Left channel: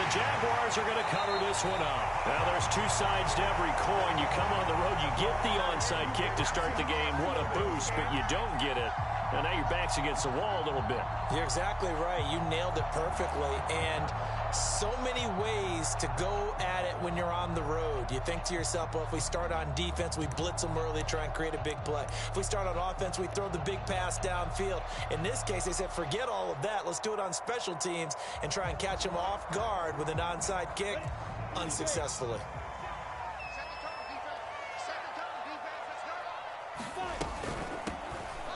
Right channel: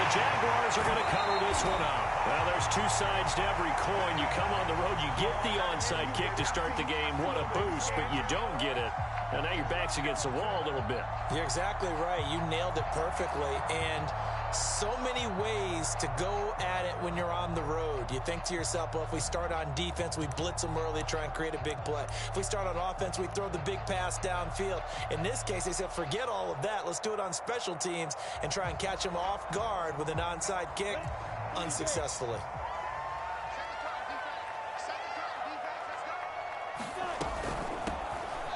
the Jaguars are going to cover this one up. Now, there's two sides to every coin. You come on the road, you get the onside kick to start the game. What a boost, but you don't get it. And now your back's against the wall a little bit. You're exactly right. You nailed it perfectly. And so many ways to go at it when you're on the road. You think to yourself, well, if we start on defense, we blitz them early, try and create a big play. If we start on offense, we throw the big pass downfield. In this case, they said, forget all of that. Let's do it on special teams and try and catch them off guard with an onside kick unsuccessfully.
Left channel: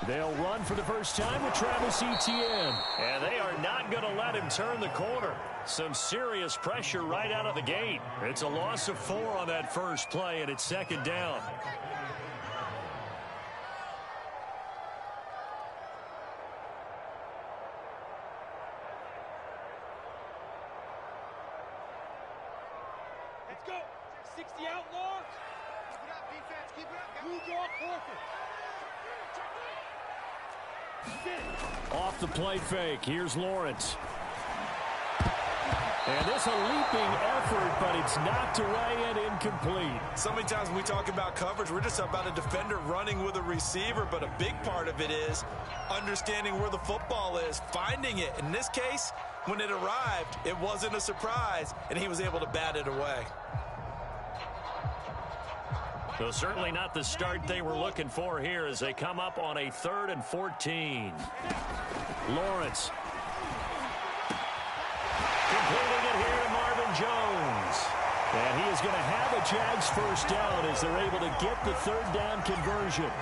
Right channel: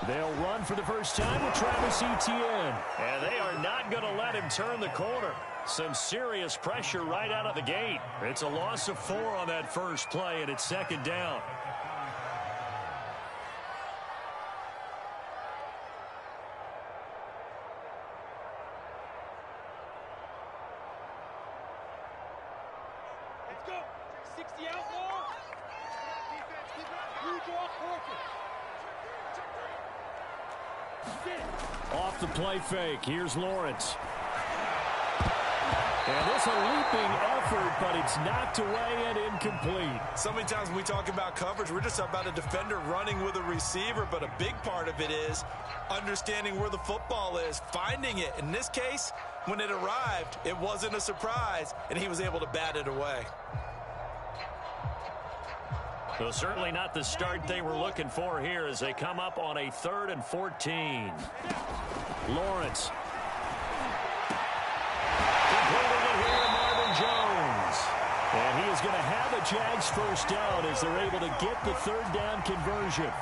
They'll run for the first time with Travis Etienne. And they are not going to let him turn the corner. Some serious pressure right out of the gate. It's a loss of 4 on that first play, and it's second down. Let's go. 60 outlaw. Keep it up, defense. Keep it up. Blue draw quarter. Off the play fake. Here's Lawrence. And this a leaping effort, but it's knocked away and incomplete. So many times when we talk about coverage, we're just about a defender running with a receiver, but a big part of it is understanding where the football is, finding it. In this case, when it arrived, it wasn't a surprise, and he was able to bat it away. So certainly not the start they were looking for here as they come up on a 3rd and 14. Lawrence. Completing it here to Marvin Jones. And he is going to have a Jags first down as they're able to get the 3rd down conversion.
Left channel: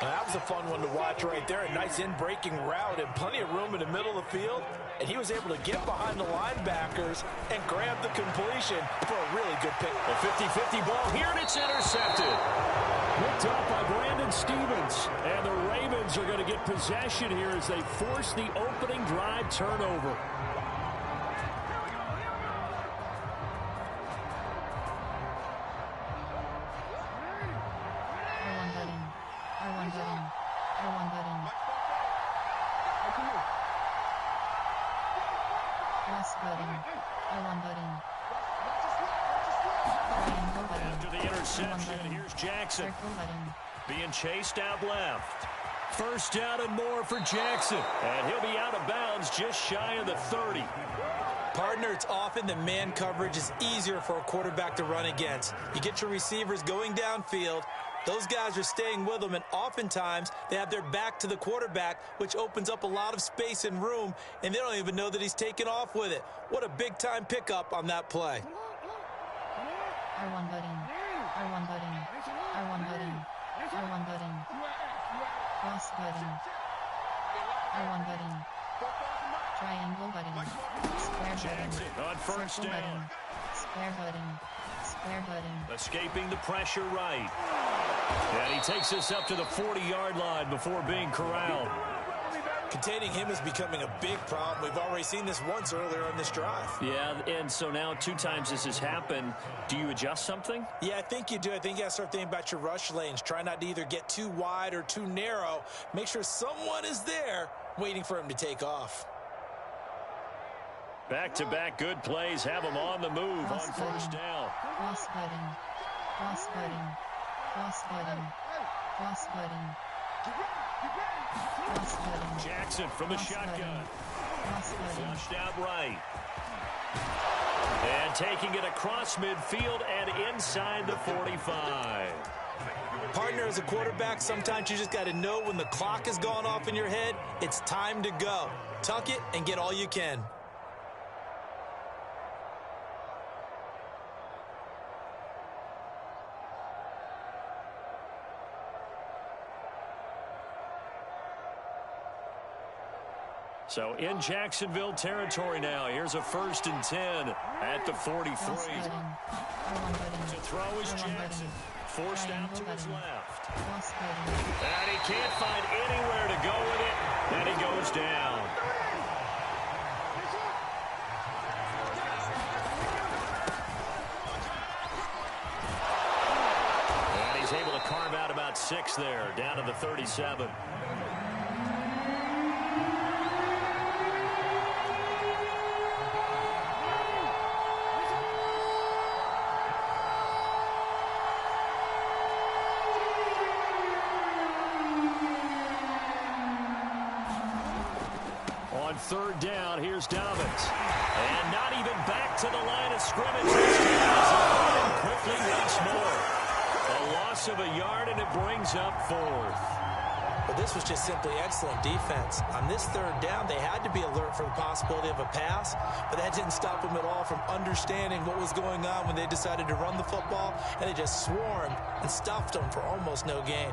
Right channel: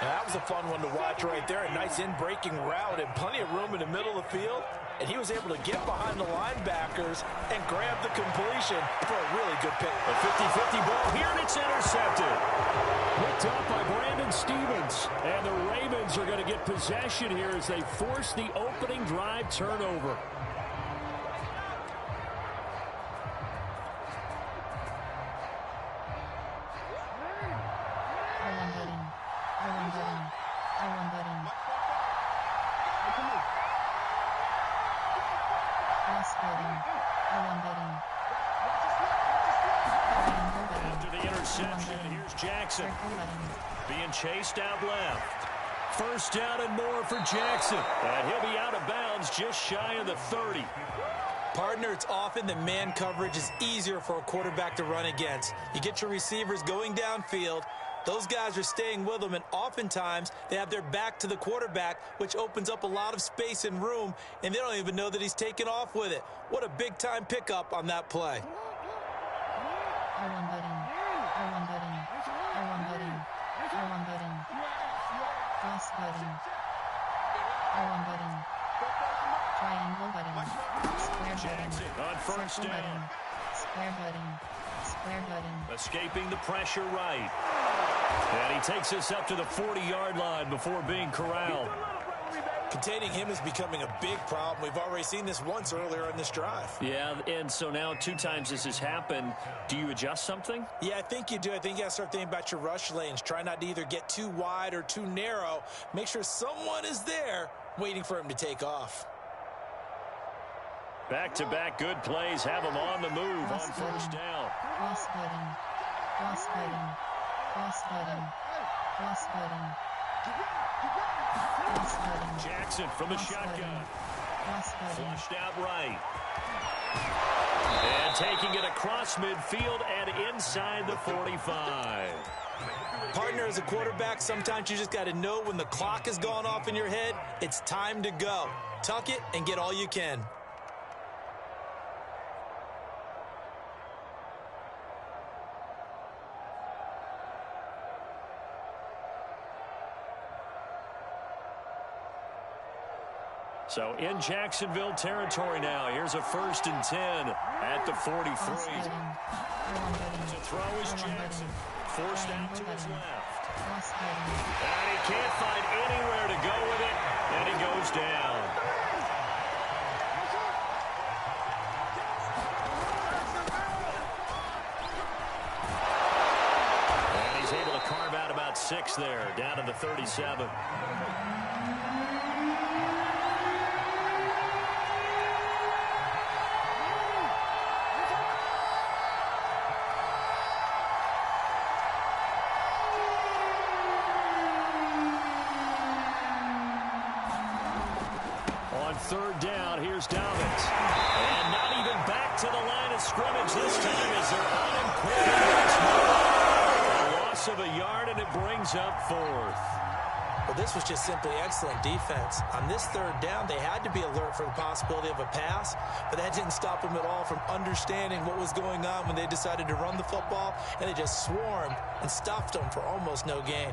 That was a fun one to watch right there. A nice in-breaking route and plenty of room in the middle of the field. And he was able to get behind the linebackers and grab the completion for a really good pick. A 50-50 ball here, and it's intercepted. Picked up by Brandon Stevens. And the Ravens are going to get possession here as they force the opening drive turnover. After the interception, here's Jackson. Being chased out left. First down and more for Jackson. And he'll be out of bounds just shy of the 30. Partner, it's often that man coverage is easier for a quarterback to run against. You get your receivers going downfield. Those guys are staying with them, and oftentimes they have their back to the quarterback, which opens up a lot of space and room, and they don't even know that he's taken off with it. What a big-time pickup on that play. R1 button. R1 button. R1 button. R1 button. Cross button. R1 button. Triangle button. Square button. On first down. Button. Square button. Square button. Escaping the pressure right. And he takes us up to the 40-yard line before being corralled. Containing him is becoming a big problem. We've already seen this once earlier on this drive. Yeah, and so now 2 times this has happened. Do you adjust something? Yeah, I think you do. I think you got to start thinking about your rush lanes. Try not to either get too wide or too narrow. Make sure someone is there waiting for him to take off. Back-to-back good plays have him on the move on first down. Cross button. Cross button. Cross button. Cross button. Cross button. Jackson from the shotgun. Cross button. Flushed out right. And taking it across midfield and inside the 45. Partner, as a quarterback, sometimes you just got to know when the clock has gone off in your head, it's time to go. Tuck it and get all you can. So in Jacksonville territory now. Here's a 1st and 10 at the 43. To throw is Jackson. Forced out to his left. And he can't find anywhere to go with it. And he goes down. And he's able to carve out about 6 there, down to the 37. third down. Here's Dobbins. And not even back to the line of scrimmage this time as they're on him quickly once more. A loss of a yard, and it brings up fourth. But this was just simply excellent defense. On this third down, they had to be alert for the possibility of a pass, but that didn't stop them at all from understanding what was going on when they decided to run the football, and they just swarmed and stuffed them for almost no gain.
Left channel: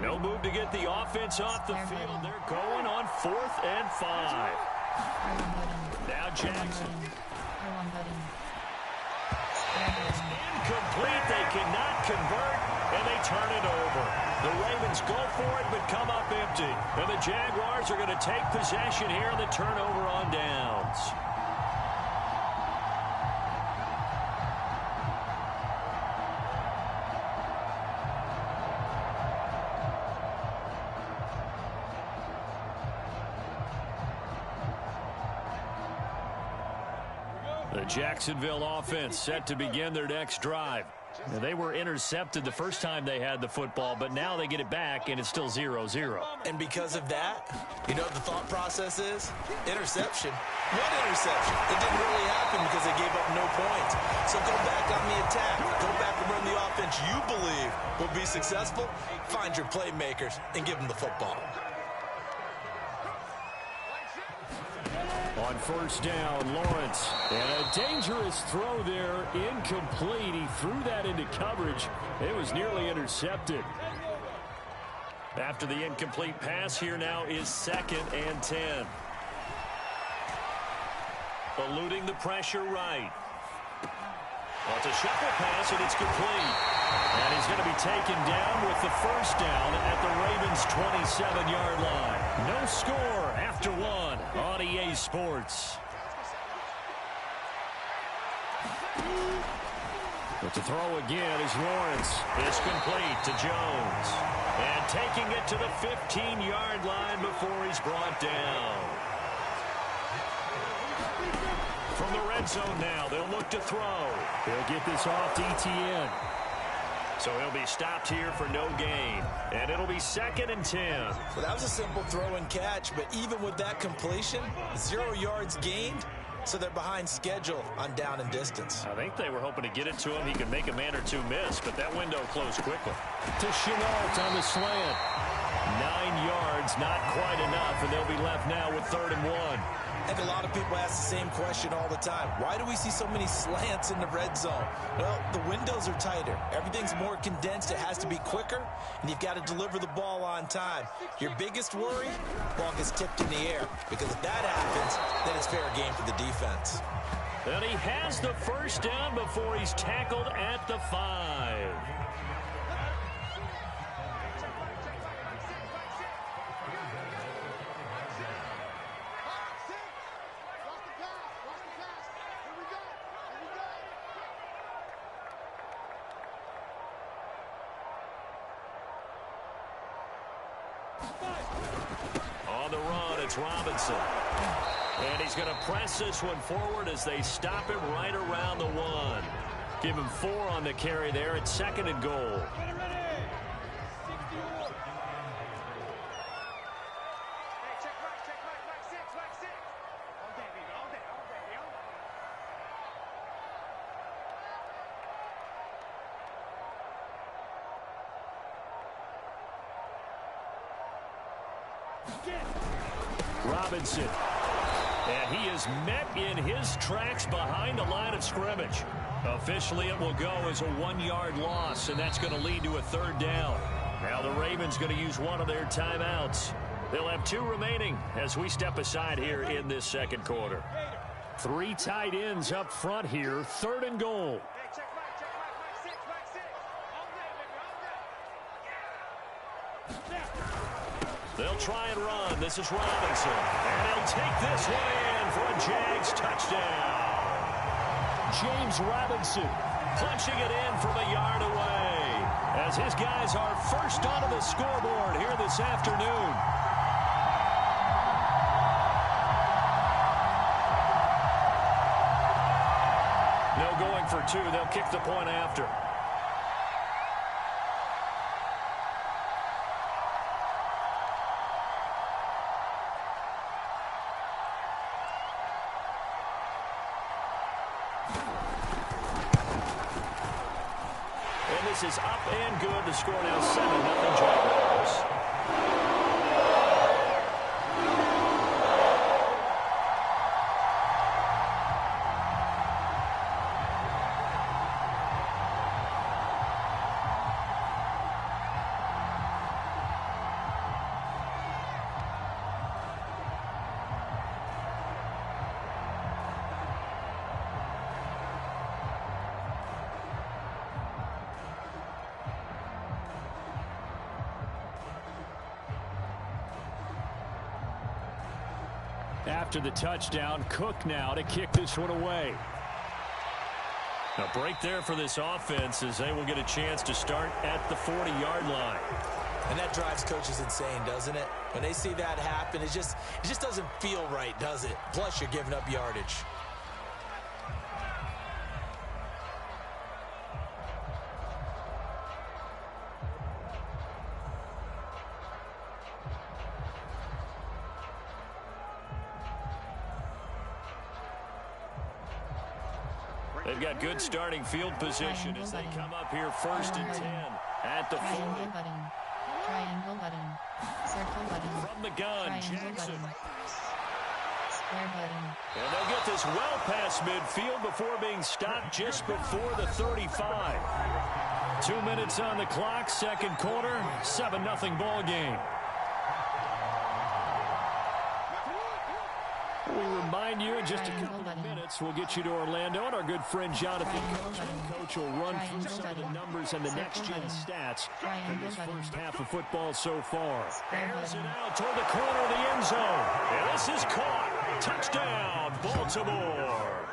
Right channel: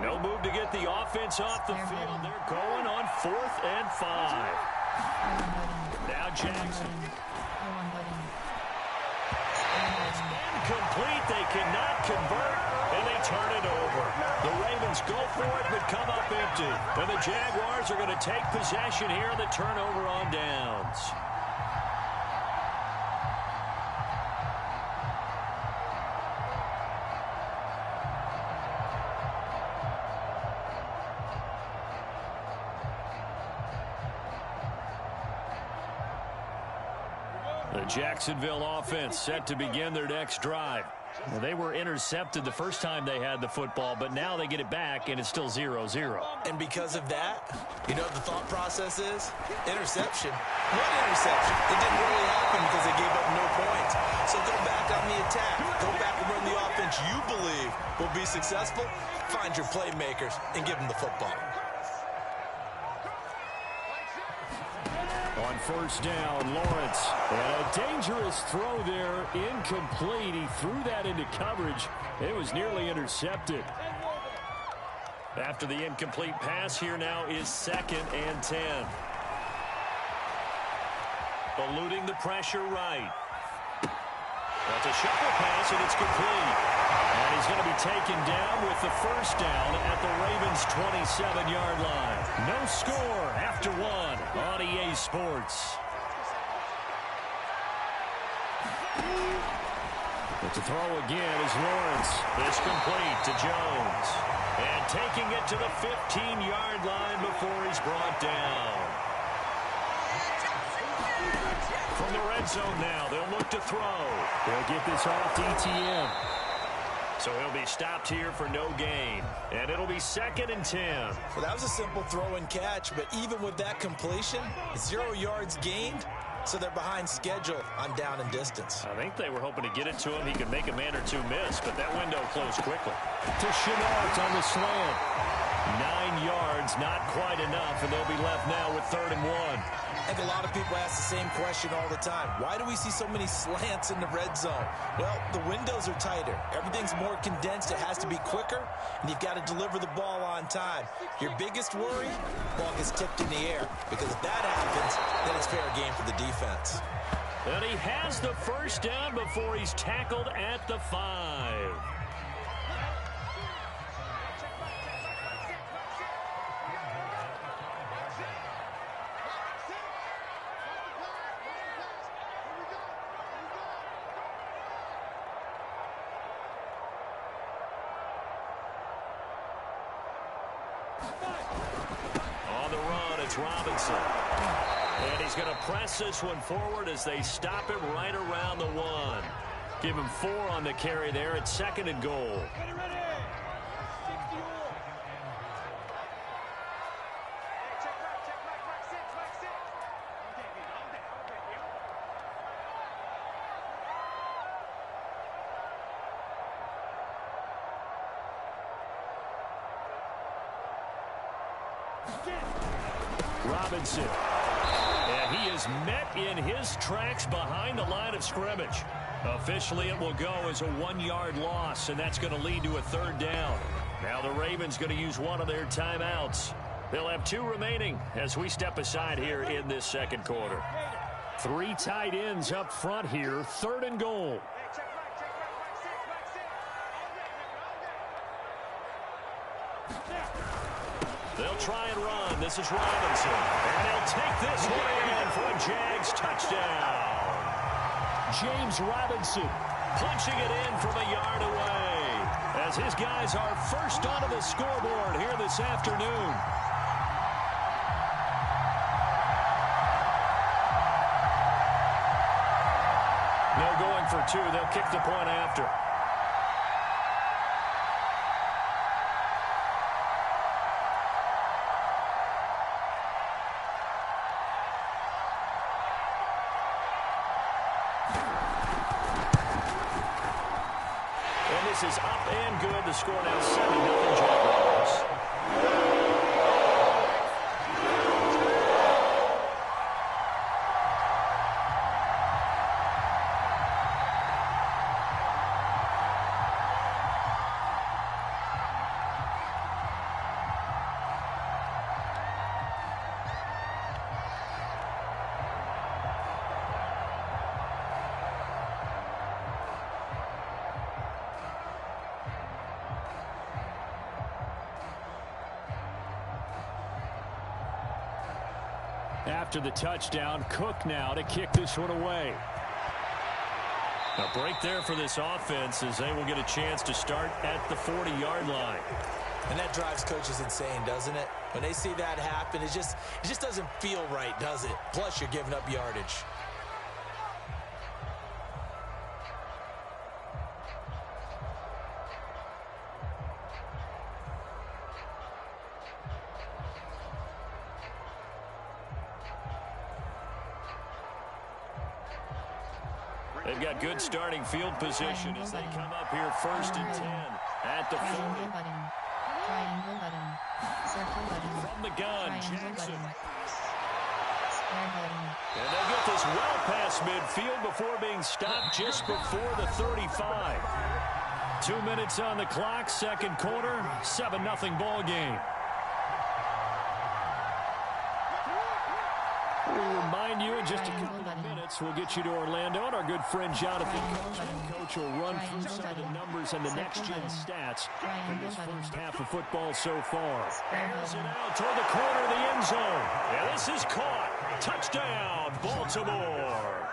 No move to get the offense off the field. They're going on 4th and 5. Now Jackson. It's incomplete. They cannot convert, and they turn it over. The Ravens go for it, but come up empty. And the Jaguars are going to take possession here on the turnover on downs. The Jacksonville offense set to begin their next drive. They were intercepted the first time they had the football, but now they get it back, and it's still 0-0. And because of that, you know what the thought process is? Interception. What interception? It didn't really happen because they gave up no points. So go back on the attack. Go back and run the offense you believe will be successful. Find your playmakers and give them the football. On first down, Lawrence. And a dangerous throw there, incomplete. He threw that into coverage. It was nearly intercepted. After the incomplete pass, here now is 2nd and 10. Eluding the pressure right. Well, it's a shuffle pass, and it's complete. And he's going to be taken down with the first down at the Ravens' 27-yard line. No score after 1 on EA Sports. But to throw again is Lawrence. It's complete to Jones. And taking it to the 15-yard line before he's brought down. From the red zone now, they'll look to throw. They'll get this off to ETN. So he'll be stopped here for no gain. And it'll be 2nd and 10. Well, that was a simple throw and catch, but even with that completion, 0 yards gained, so they're behind schedule on down and distance. I think they were hoping to get it to him. He could make a man or two miss, but that window closed quickly. To Chenault on the slant. 9 yards, not quite enough, and they'll be left now with 3rd and 1. I think a lot of people ask the same question all the time. Why do we see so many slants in the red zone? Well, the windows are tighter. Everything's more condensed. It has to be quicker, and you've got to deliver the ball on time. Your biggest worry, ball gets tipped in the air, because if that happens, then it's fair game for the defense. And he has the first down before he's tackled at the 5. On the run, it's Robinson. And he's going to press this one forward as they stop him right around the 1. Give him 4 on the carry there at 2nd and goal. Robinson. And he is met in his tracks behind the line of scrimmage. Officially, it will go as a 1-yard loss, and that's going to lead to a 3rd down. Now the Ravens going to use one of their timeouts. They'll have 2 remaining as we step aside here in this 2nd quarter. 3 tight ends up front here, 3rd and goal. They'll try and run. This is Robinson. And he'll take this one in for a Jags touchdown. James Robinson punching it in from a yard away as his guys are first onto the scoreboard here this afternoon. No going for two. They'll kick the point after. And this is up and good. The score now 7-0 Jaguars. After the touchdown, Cook now to kick this one away. A break there for this offense as they will get a chance to start at the 40-yard line. And that drives coaches insane, doesn't it? When they see that happen, it just doesn't feel right, does it? Plus, you're giving up yardage. They've got good starting field position as they come up here 1st and 10 at the 40. Triangle button. Triangle button. Circle button. From the gun, Triangle Jackson. button. Square button. And they'll get this well past midfield before being stopped just before the 35. 2 minutes on the clock, second quarter, 7-0 ball game. We remind you in just a couple of minutes, we'll get you to Orlando, and our good friend Jonathan Coach will run through some of the numbers and the next-gen stats in this first half of football so far. Airs it out toward the corner of the end zone. And this is caught. Touchdown, Baltimore.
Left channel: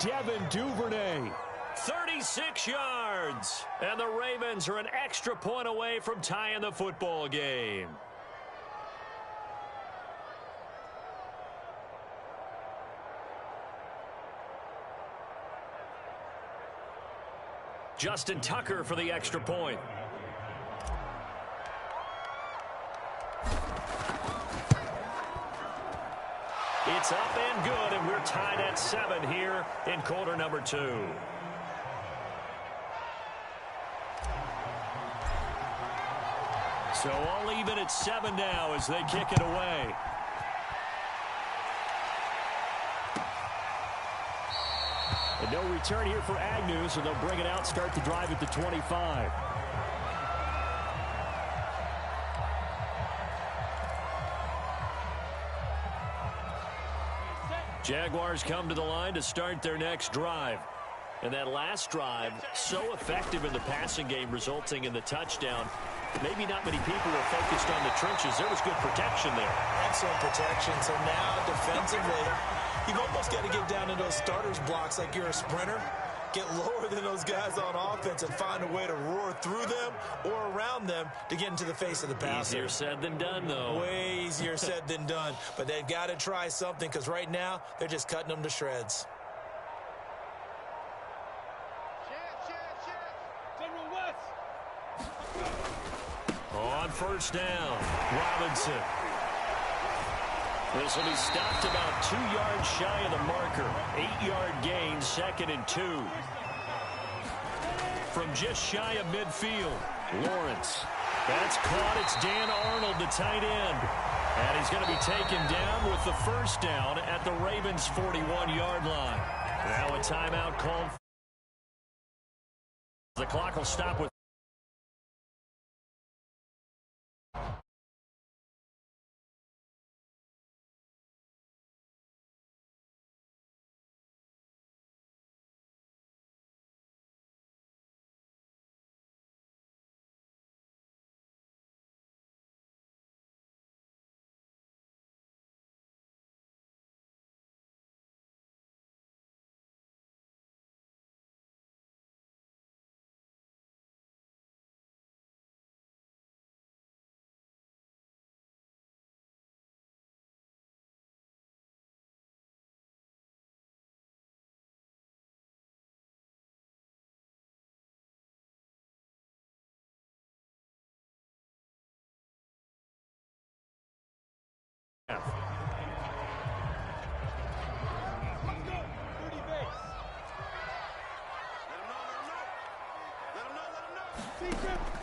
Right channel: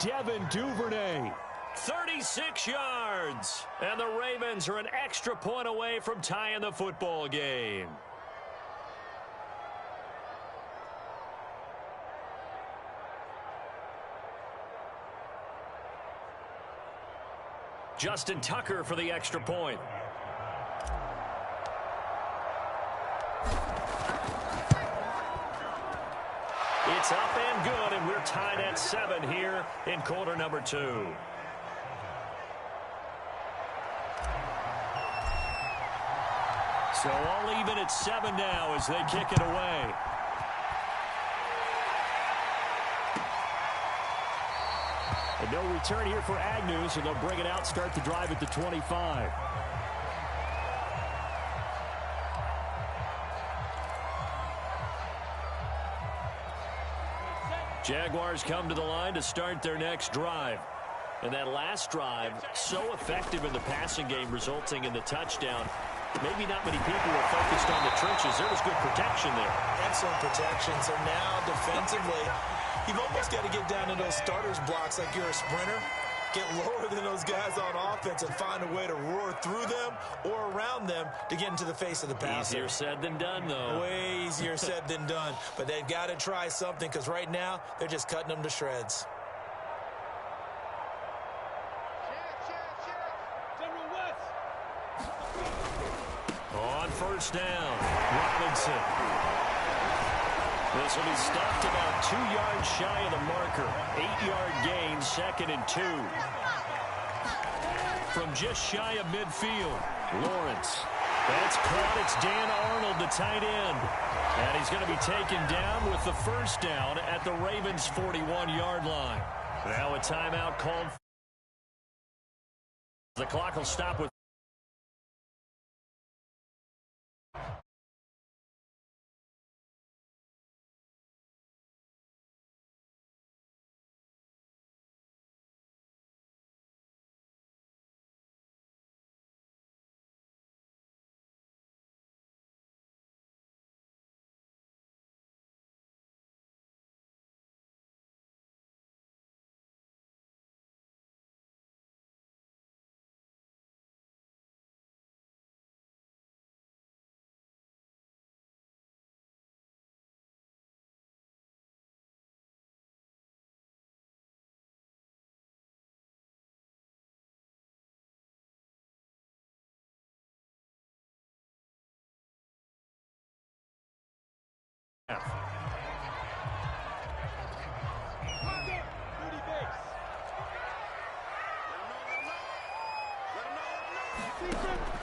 Devin Duvernay, 36 yards. And the Ravens are an extra point away from tying the football game. Justin Tucker for the extra point. It's up and good, and we're tied at 7 here in quarter number 2. So all even at 7 now as they kick it away. And no return here for Agnew, so they'll bring it out, start the drive at the 25. Jaguars come to the line to start their next drive. And that last drive, so effective in the passing game, resulting in the touchdown. Maybe not many people were focused on the trenches. There was good protection there. Excellent protection. So now defensively, you've almost got to get down to those starters blocks like you're a sprinter. Get lower than those guys on offense and find a way to roar through them or around them to get into the face of the passer. Easier said than done, though. Way easier said than done. But they've got to try something because right now they're just cutting them to shreds. General West. On first down, Robinson. This will be stopped about 2 yards shy of the marker. 8-yard gain, 2nd and 2. From just shy of midfield, Lawrence. That's caught. It's Dan Arnold, the tight end. And he's going to be taken down with the first down at the Ravens' 41-yard line. Now a timeout called. The clock will stop with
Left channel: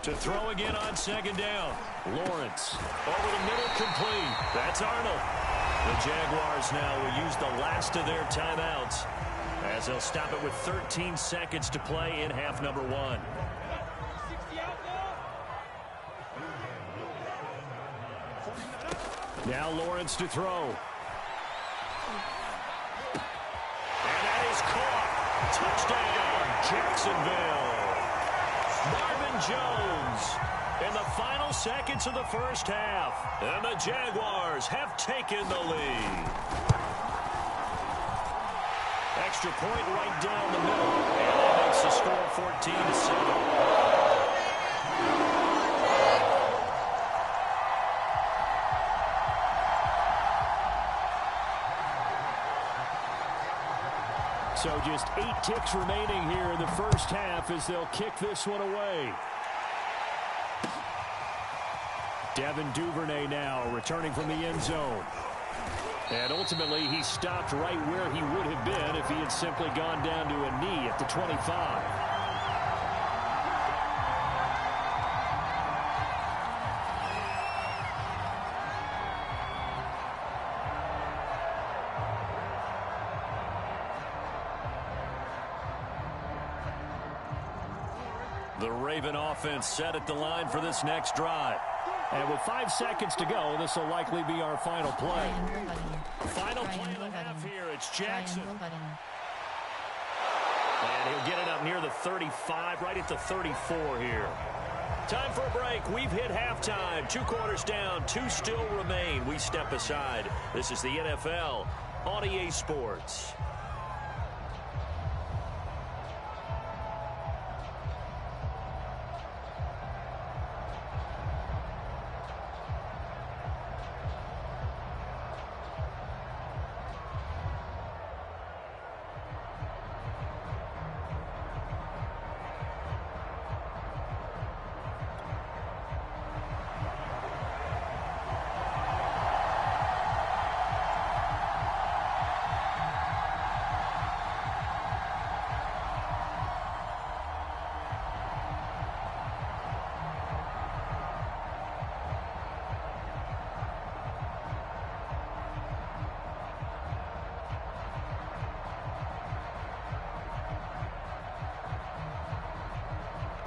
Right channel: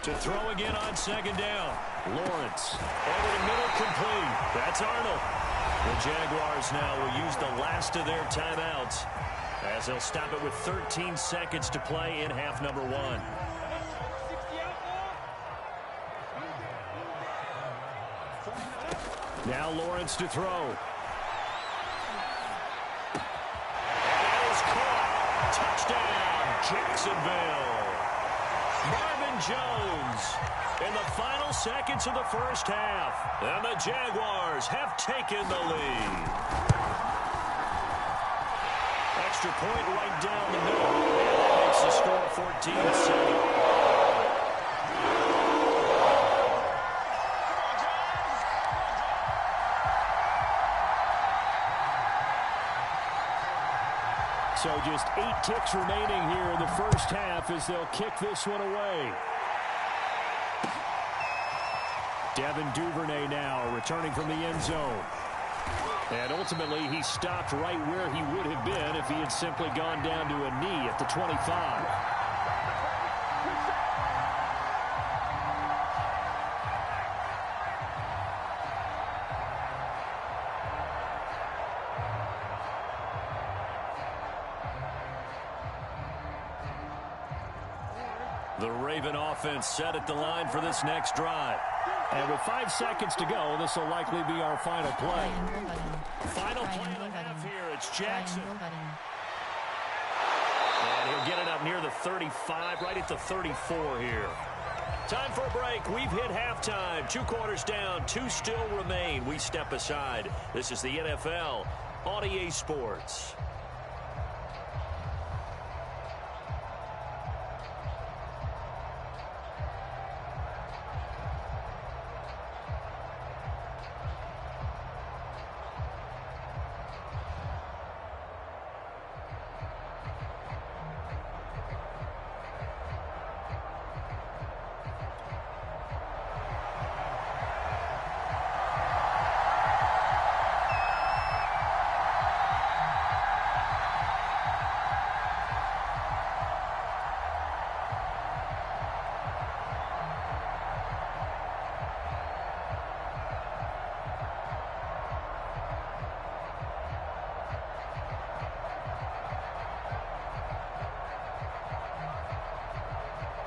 To throw again on second down. Lawrence over the middle, complete. That's Arnold. The Jaguars now will use the last of their timeouts as they'll stop it with 13 seconds to play in half number 1. Now Lawrence to throw. And that is caught. Touchdown, Jacksonville. Marvin Jones in the final seconds of the first half. And the Jaguars have taken the lead. Extra point right down the middle. And that makes the score 14-7. So just 8 ticks remaining here in the first half as they'll kick this one away. Devin Duvernay now returning from the end zone. And ultimately he stopped right where he would have been if he had simply gone down to a knee at the 25. The Raven offense set at the line for this next drive. And with 5 seconds to go, this will likely be our final play. Final play of the half here. It's Jackson. And he'll get it up near the 35, right at the 34 here. Time for a break. We've hit halftime. 2 quarters down, 2 still remain. We step aside. This is the NFL on EA Sports.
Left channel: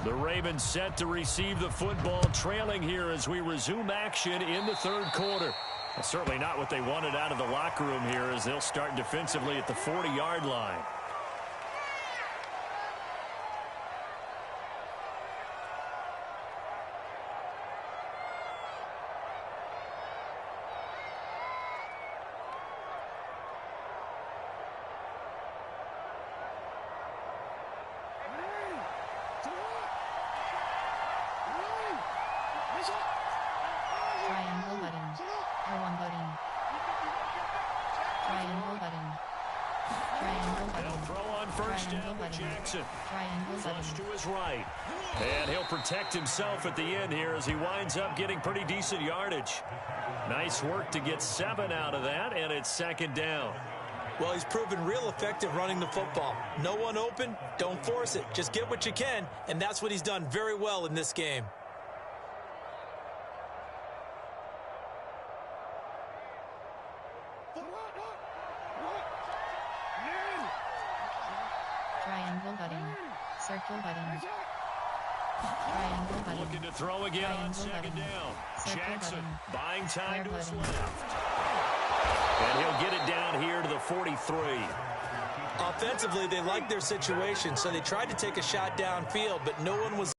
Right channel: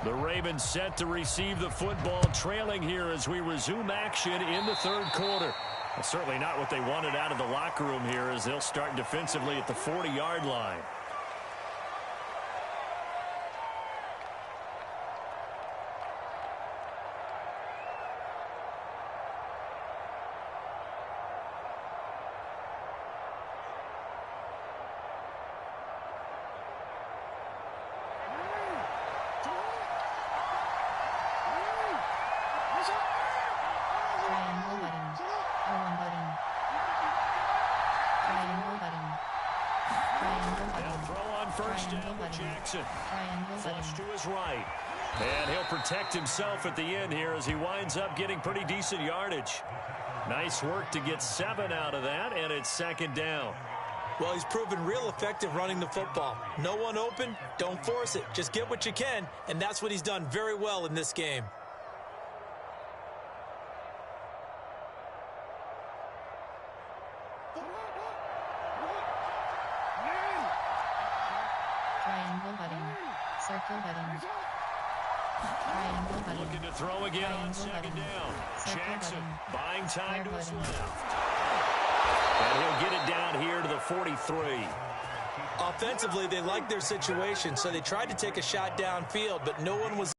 The Ravens set to receive the football, trailing here as we resume action in the third quarter. Well, certainly not what they wanted out of the locker room here as they'll start defensively at the 40-yard line. Triangle button. R1 button. Triangle button. Triangle button. They'll throw on first down with Jackson. Triangle Flush button. to his right. And he'll protect himself at the end here as he winds up getting pretty decent yardage. Nice work to get 7 out of that, and it's second down. Well, he's proven real effective running the football. No one open, don't force it. Just get what you can, and that's what he's done very well in this game. Triangle button. Circle button. Triangle button. Looking to throw again on Triangle second button. down. Circle Jackson button. buying time Square to his button. left. And he'll get it down here to the 43. Offensively, they liked their situation, so they tried to take a shot downfield, but no one was.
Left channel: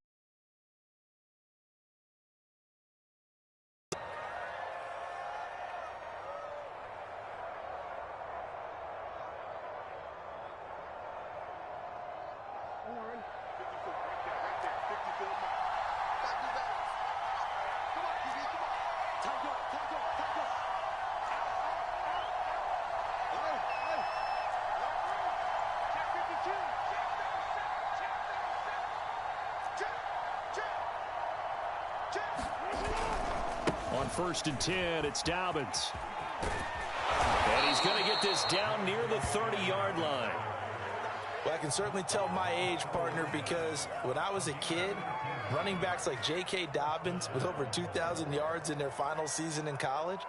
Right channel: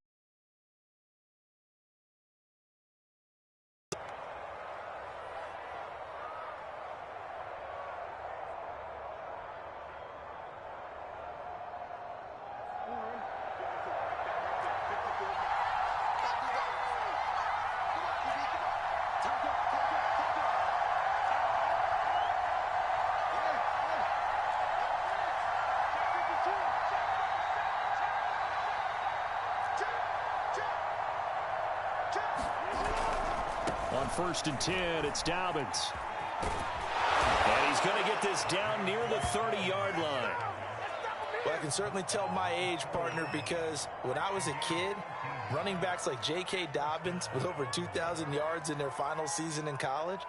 On 1st and 10, it's Dobbins. And he's going to get this down near the 30-yard line. Well, I can certainly tell my age, partner, because when I was a kid, Running backs like J.K. Dobbins with over 2,000 yards in their final season in college,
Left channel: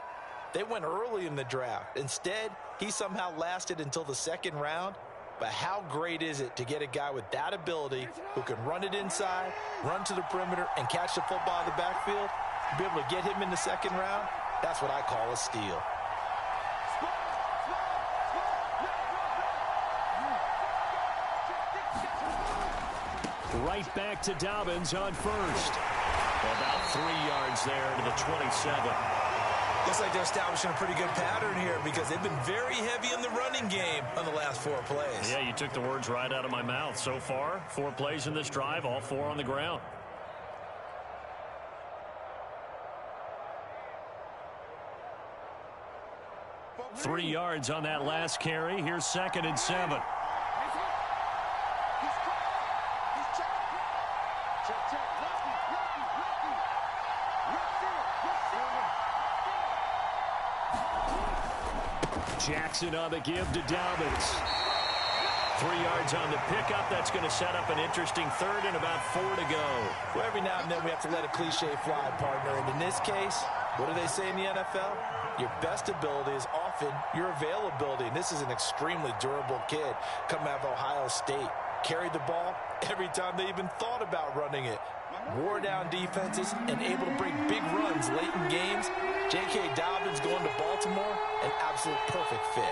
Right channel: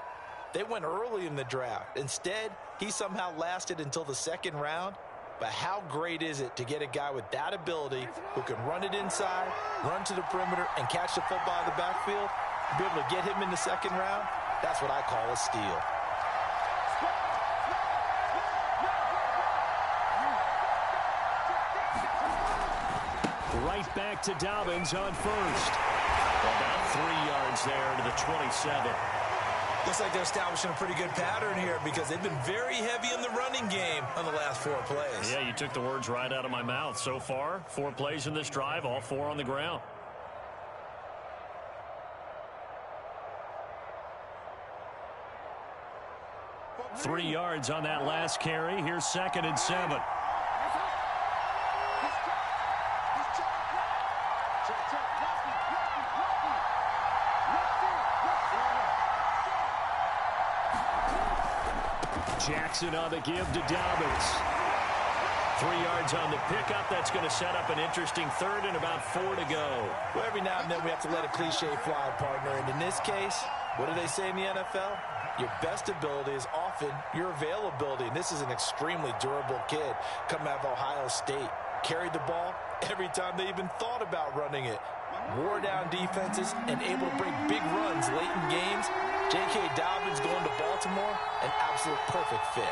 they went early in the draft. Instead, he somehow lasted until the second round. But how great is it to get a guy with that ability who can run it inside, run to the perimeter, and catch the football in the backfield? Be able to get him in the second round? That's what I call a steal. Right back to Dobbins on first. About 3 yards there to the 27. Looks like they're establishing a pretty good pattern here because they've been very heavy in the running game on the last 4 plays. Yeah, you took the words right out of my mouth. So far, 4 plays in this drive, all 4 on the ground. Three yards on that last carry. Here's 2nd and 7. Jackson on the give to Dobbins. 3 yards on the pickup. That's going to set up an interesting 3rd and about 4 to go. Well, every now and then we have to let a cliche fly, partner. And in this case, what do they say in the NFL? Your best ability is often your availability. And this is an extremely durable kid coming out of Ohio State. Carried the ball every time they even thought about running it. Wore down defenses and able to break big runs late in games. J.K. Dobbins going to Baltimore, an absolute perfect fit.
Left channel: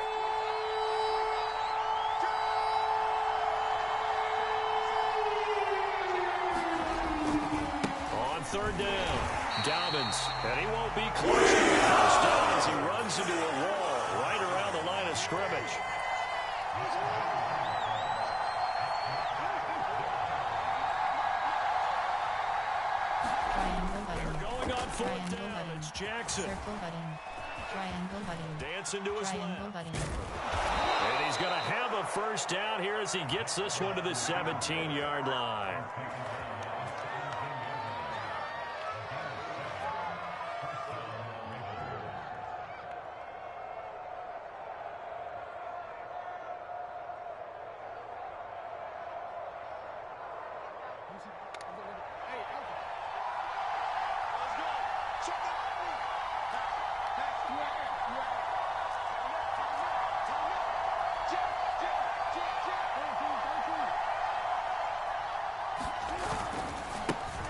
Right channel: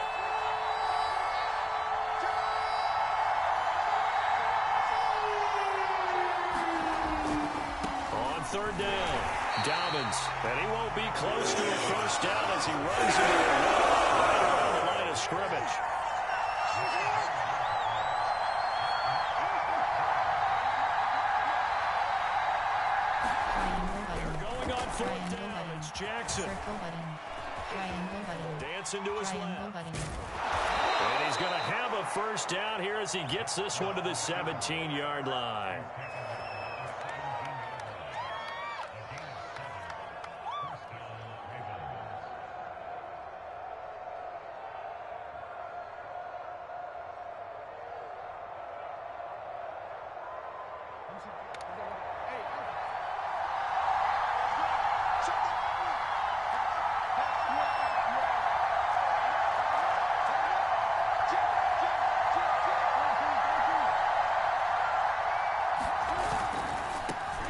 On 3rd down, Dobbins, and he won't be close to a first down as he runs into a wall right around the line of scrimmage. It's Jackson. Circle button. Triangle button. Dancing to his Triangle left. button. And he's going to have a first down here as he gets this one to the 17-yard line.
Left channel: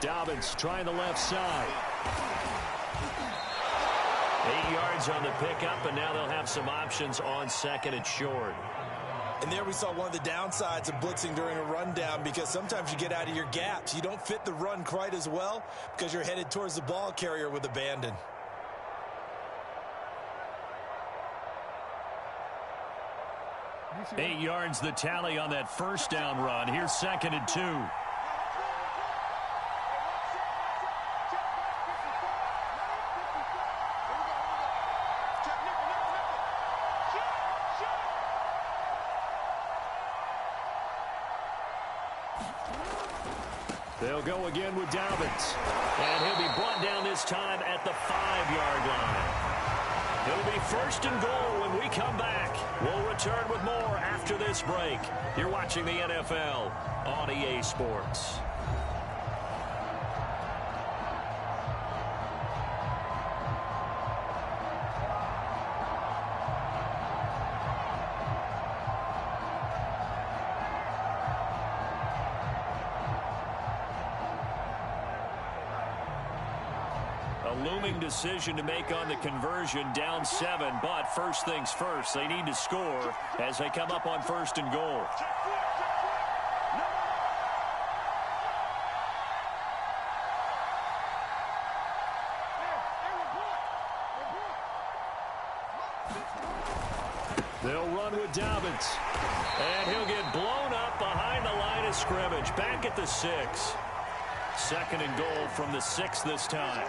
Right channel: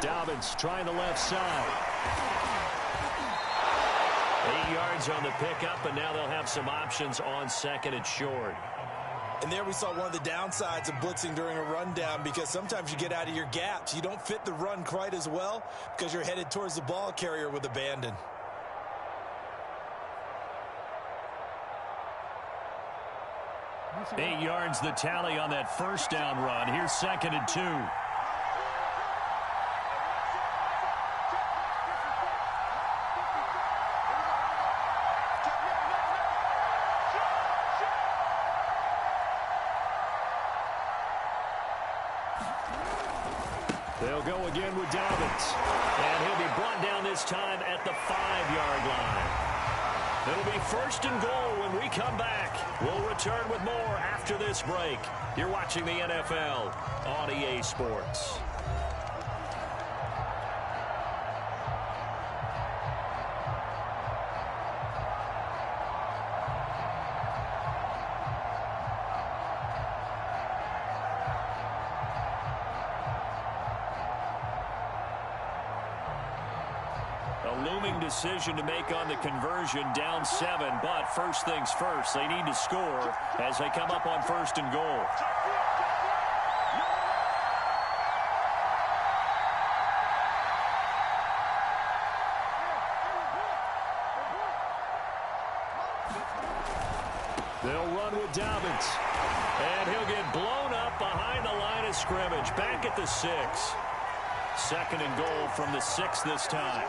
Dobbins trying the left side. 8 yards on the pickup, and now they'll have some options on 2nd and short. And there we saw one of the downsides of blitzing during a rundown, because sometimes you get out of your gaps. You don't fit the run quite as well because you're headed towards the ball carrier with abandon. Eight yards the tally on that first down run. Here's 2nd and 2. They'll go again with Dobbins. And he'll be brought down this time at the 5-yard line. It'll be 1st and goal when we come back. We'll return with more after this break. You're watching the NFL on EA Sports. A looming decision to make on the conversion, down 7, but first things first, they need to score as they come up on 1st and goal. They'll run with Dobbins, and he'll get blown up behind the line of scrimmage, back at the 6. 2nd and goal from the 6 this time.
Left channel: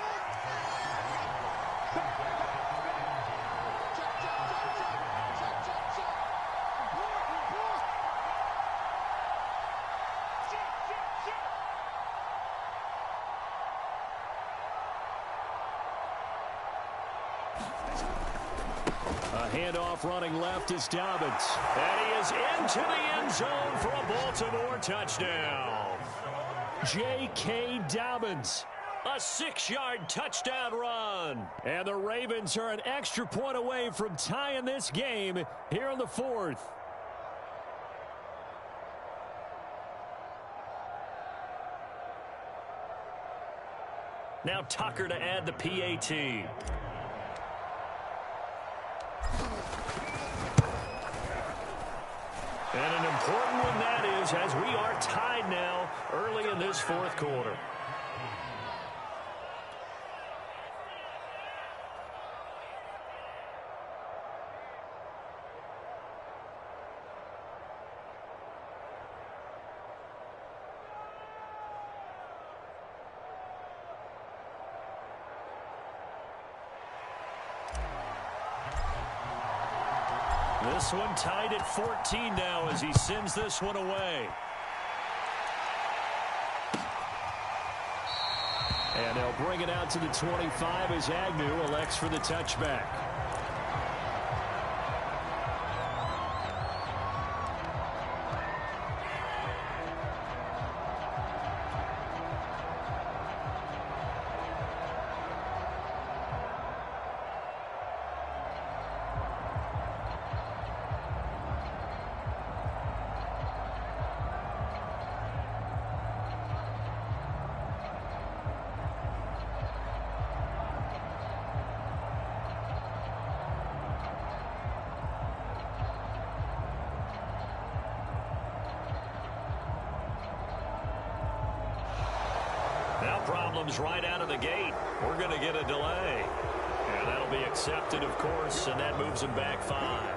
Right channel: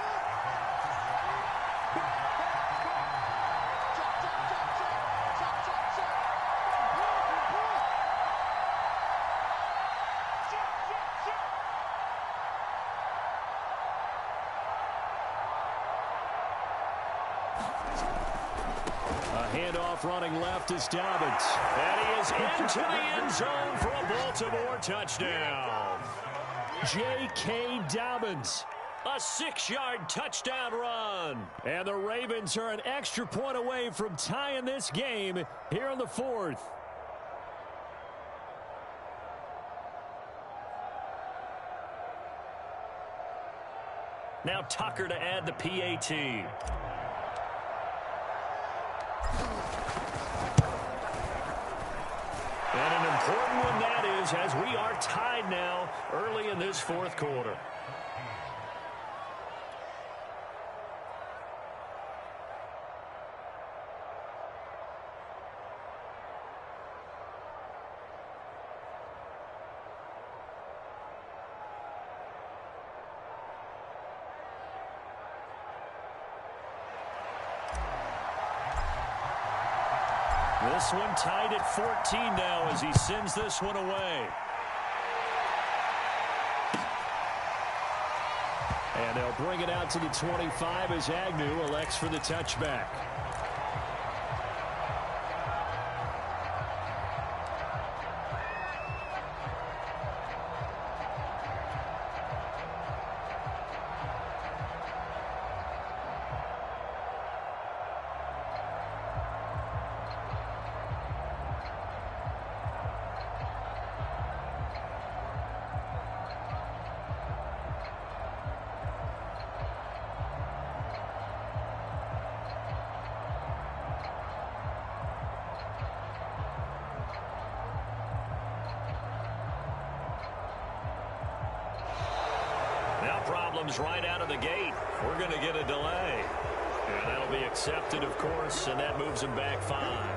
A handoff running left is Dobbins. And he is into the end zone for a Baltimore touchdown. J.K. Dobbins. A 6-yard touchdown run. And the Ravens are an extra point away from tying this game here in the fourth. Now Tucker to add the PAT. And an important one that is, as we are tied now early in this fourth quarter. This one tied at 14 now as he sends this one away. And they'll bring it out to the 25 as Agnew elects for the touchback. Now problems right out of the gate. We're going to get a delay. And that'll be accepted, of course, and that moves him back 5.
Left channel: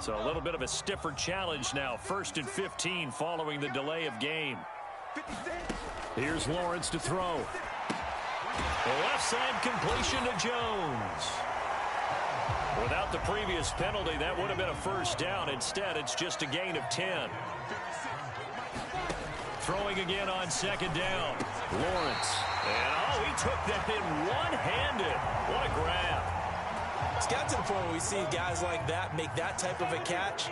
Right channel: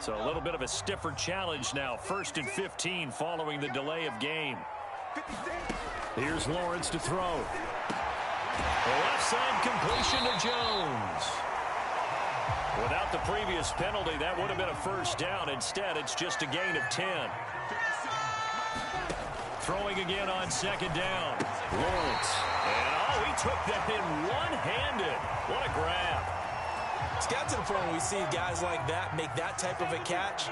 So a little bit of a stiffer challenge now. 1st and 15 following the delay of game. Here's Lawrence to throw. The left side completion to Jones. Without the previous penalty, that would have been a first down. Instead, it's just a gain of 10. Throwing again on 2nd down. Lawrence. And, he took that in one-handed. What a grab. It's got to the point where we see guys like that make that type of a catch.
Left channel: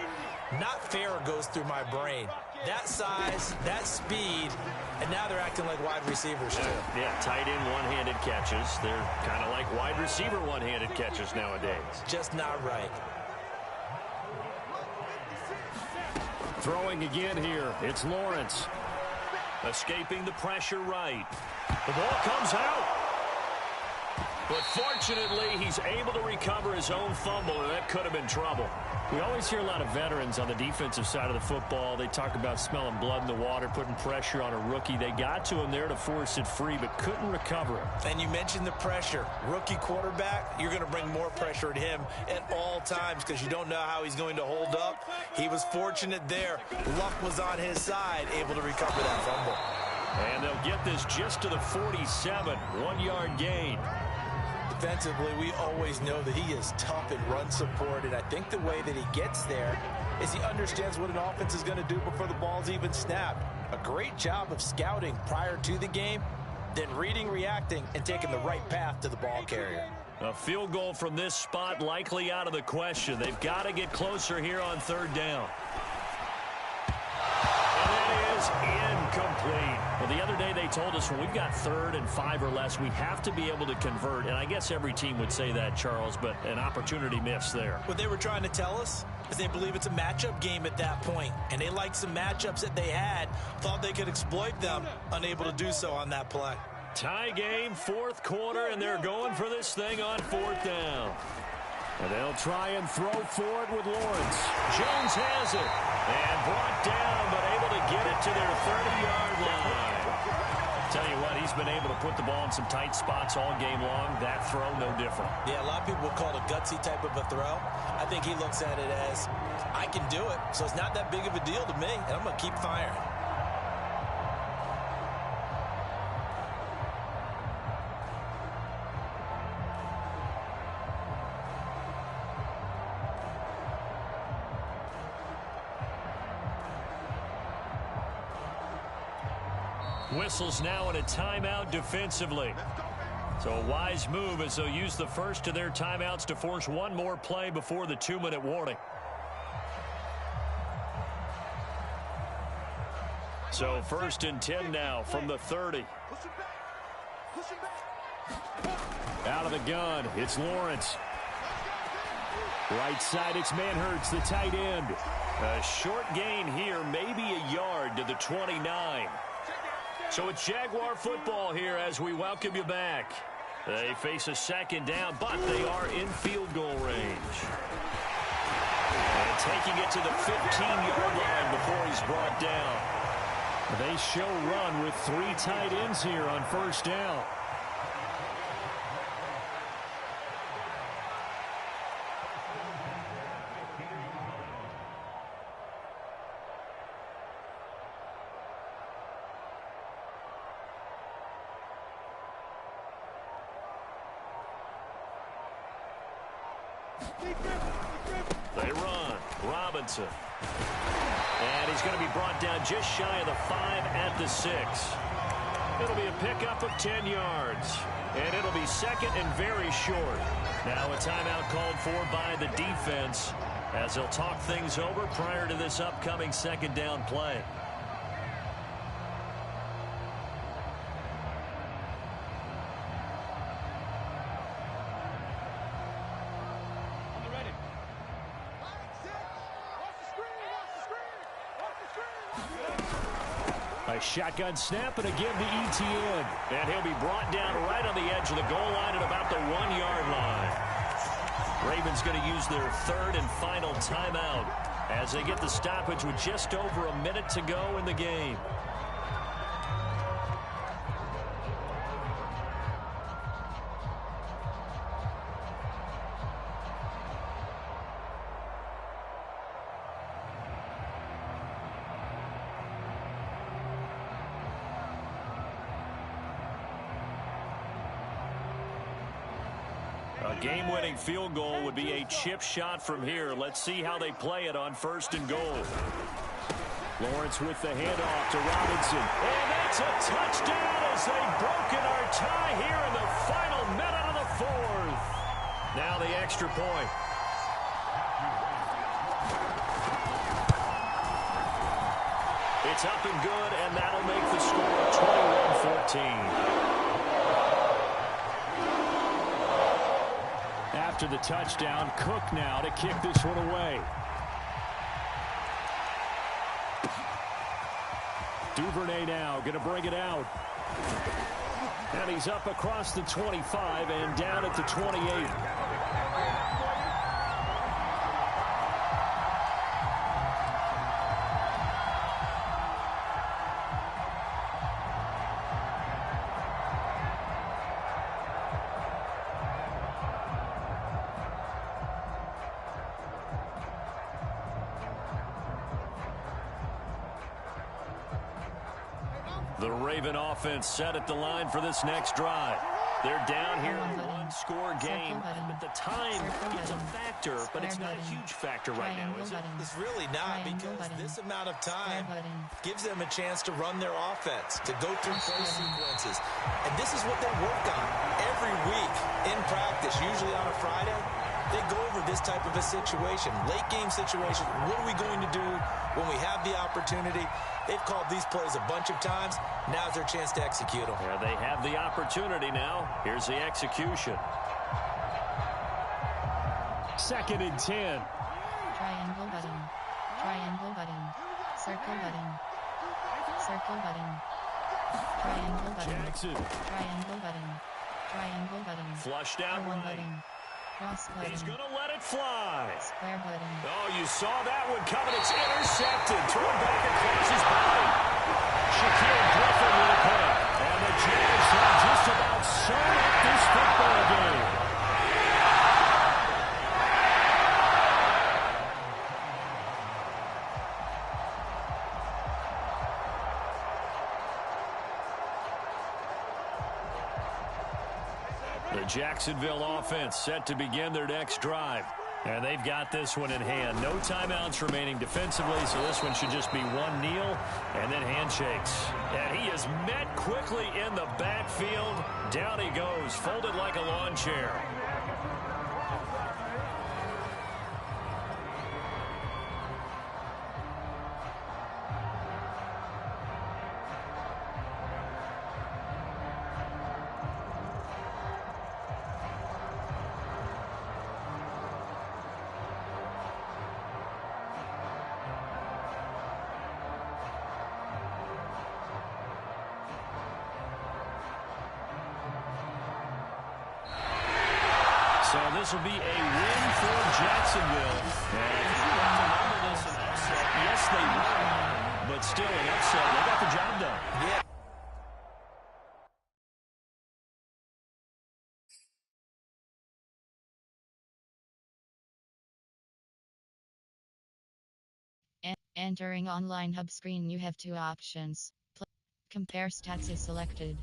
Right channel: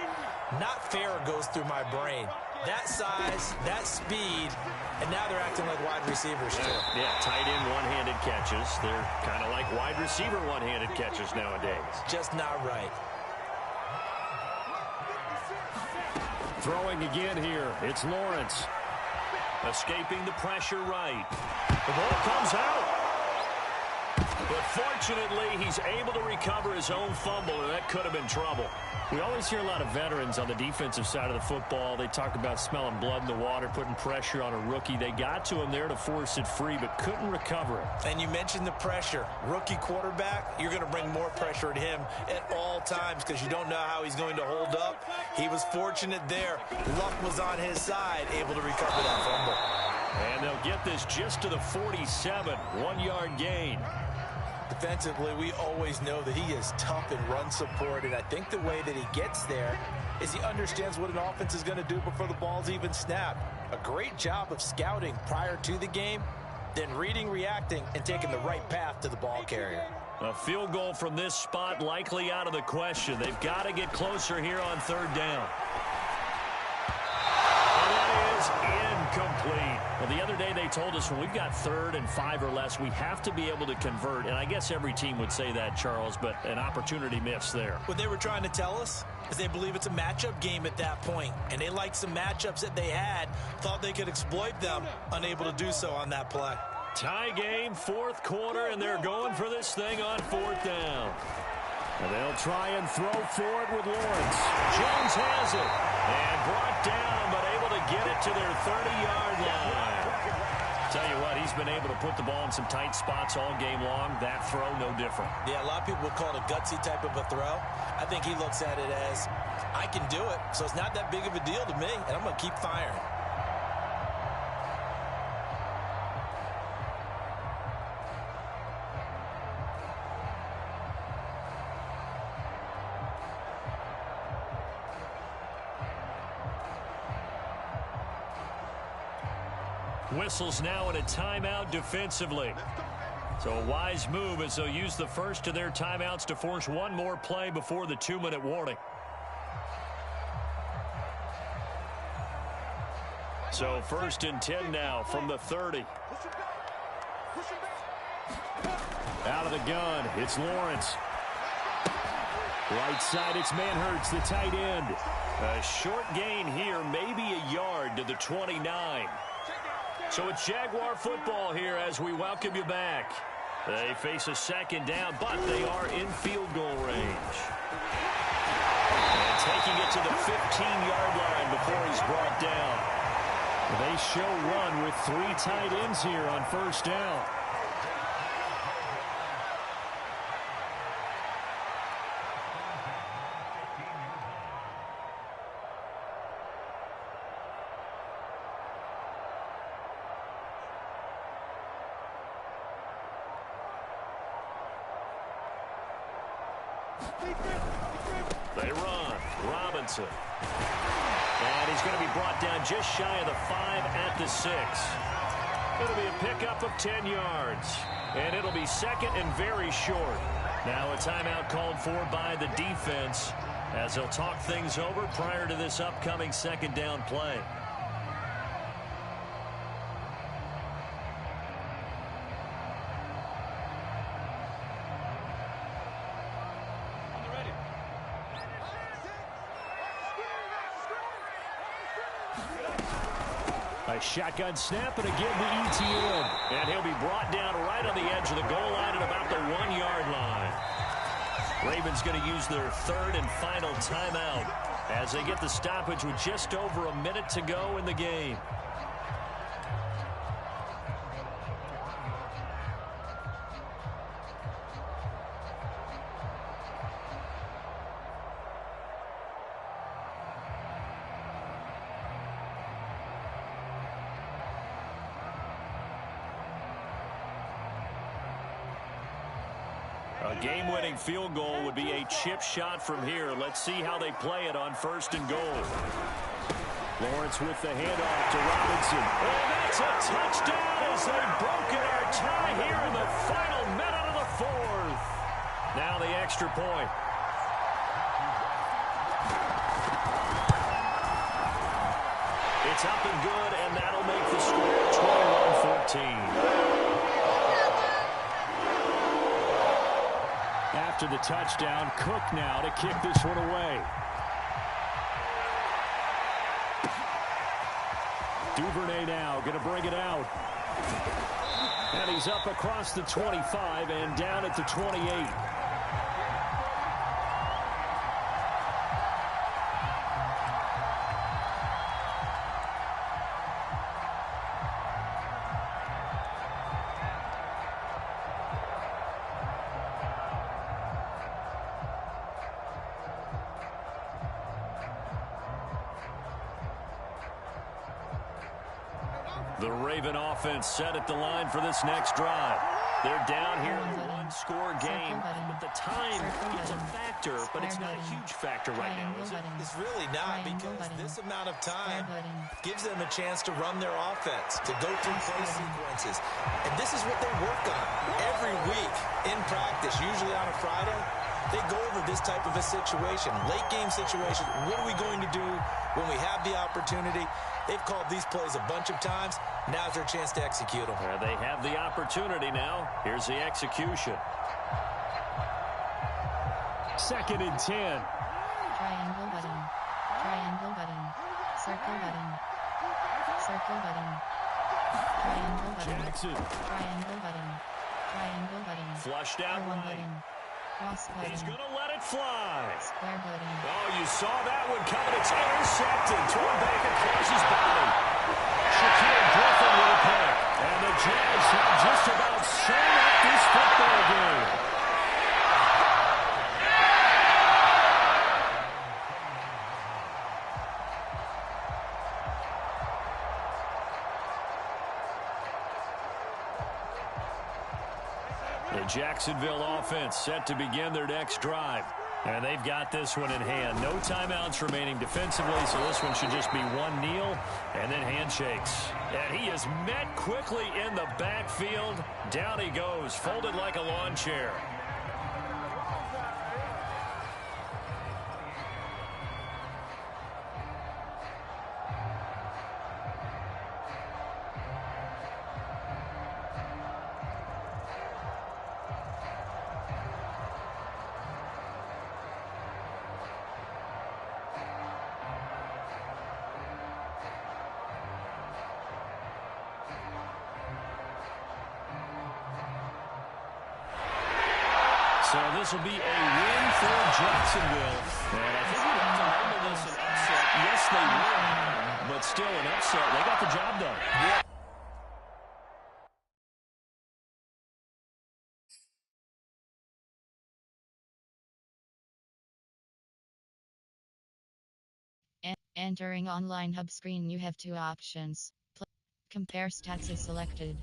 Not fair goes through my brain. That size, that speed, and now they're acting like wide receivers too. Yeah, tight end one-handed catches. They're kind of like wide receiver one-handed catches nowadays. Just not right. Throwing again here. It's Lawrence. Escaping the pressure right. The ball comes out. But fortunately, he's able to recover his own fumble, and that could have been trouble. We always hear a lot of veterans on the defensive side of the football. They talk about smelling blood in the water, putting pressure on a rookie. They got to him there to force it free, but couldn't recover it. And you mentioned the pressure. Rookie quarterback, you're going to bring more pressure at him at all times because you don't know how he's going to hold up. He was fortunate there. Luck was on his side, able to recover that fumble. And they'll get this just to the 47, 1-yard gain. Defensively, we always know that he is tough in run support, and I think the way that he gets there is he understands what an offense is going to do before the ball's even snapped. A great job of scouting prior to the game, then reading, reacting, and taking the right path to the ball carrier. A field goal from this spot likely out of the question. They've got to get closer here on 3rd down. And that is incomplete. Well, the other day they told us when we've got 3rd and 5 or less, we have to be able to convert. And I guess every team would say that, Charles, but an opportunity missed there. What they were trying to tell us is they believe it's a matchup game at that point. And they liked some matchups that they had, thought they could exploit them, unable to do so on that play. Tie game, 4th quarter, and they're going for this thing on 4th down. And they'll try and throw for it with Lawrence. Jones has it. And brought down, but able to get it to their 30-yard line. Tell you what, he's been able to put the ball in some tight spots all game long. That throw, no different. Yeah, a lot of people would call it a gutsy type of a throw. I think he looks at it as, I can do it, so it's not that big of a deal to me, and I'm going to keep firing. Whistles now in a timeout defensively. So a wise move as they'll use the first of their timeouts to force one more play before the 2-minute warning. So 1st and 10 now from the 30. Out of the gun, it's Lawrence. Right side, it's Manhurts, the tight end. A short gain here, maybe a yard to the 29. So it's Jaguar football here as we welcome you back. They face a 2nd down, but they are in field goal range. And taking it to the 15-yard line before he's brought down. They show run with 3 tight ends here on 1st down. They run. Robinson. And he's going to be brought down just shy of the 5 at the 6. It'll be a pickup of 10 yards. And it'll be 2nd and very short. Now a timeout called for by the defense as they'll talk things over prior to this upcoming 2nd down play. A shotgun snap, and again to Etienne. And he'll be brought down right on the edge of the goal line at about the 1-yard line. Ravens going to use their 3rd and final timeout as they get the stoppage with just over a minute to go in the game. A game-winning field goal would be a chip shot from here. Let's see how they play it on 1st and goal. Lawrence with the handoff to Robinson. And that's a touchdown as they've broken our tie here in the final minute of the 4th. Now the extra point. It's up and good, and that'll make the score 21-14. After the touchdown, Cook now to kick this one away. Duvernay now going to bring it out. And he's up across the 25 and down at the 28. The Raven offense set at the line for this next drive. They're down here in a one-score game, but the time is a factor, but it's not a huge factor right now, is it? It's really not, because this amount of time gives them a chance to run their offense, to go through play sequences. And this is what they work on every week in practice, usually on a Friday. They go over this type of a situation, late game situation. What are we going to do when we have the opportunity? They've called these plays a bunch of times. Now's their chance to execute them. Yeah, they have the opportunity now. Here's the execution. 2nd and 10. Triangle button. Triangle button. Circle button. Circle button. Triangle button. Jackson. Triangle button. Triangle button. Flushed out R1 right. button. Cross button. He's going to let it fly. Square button. Oh, you saw that one coming. It's intercepted. Thrown back across his body. Shaquille Griffin with a pick. And the Jags have just about sewn up this football game. The Jacksonville offense set to begin their next drive. And they've got this one in hand. No timeouts remaining defensively, so this one should just be one kneel and then handshakes. And he is met quickly in the backfield. Down he goes, folded like a lawn chair. So this will be a win for Jacksonville. And I think we have to label this an upset. Yes, they won, but still an upset. They got the job done. Yeah. Entering online hub screen, you have two options. Compare stats is selected.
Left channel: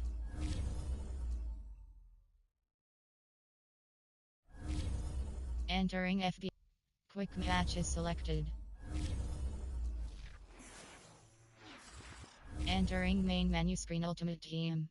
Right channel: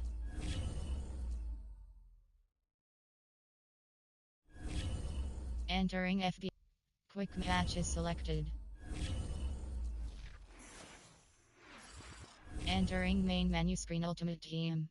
Entering FB. Quick match is selected. Entering main menu screen, Ultimate Team.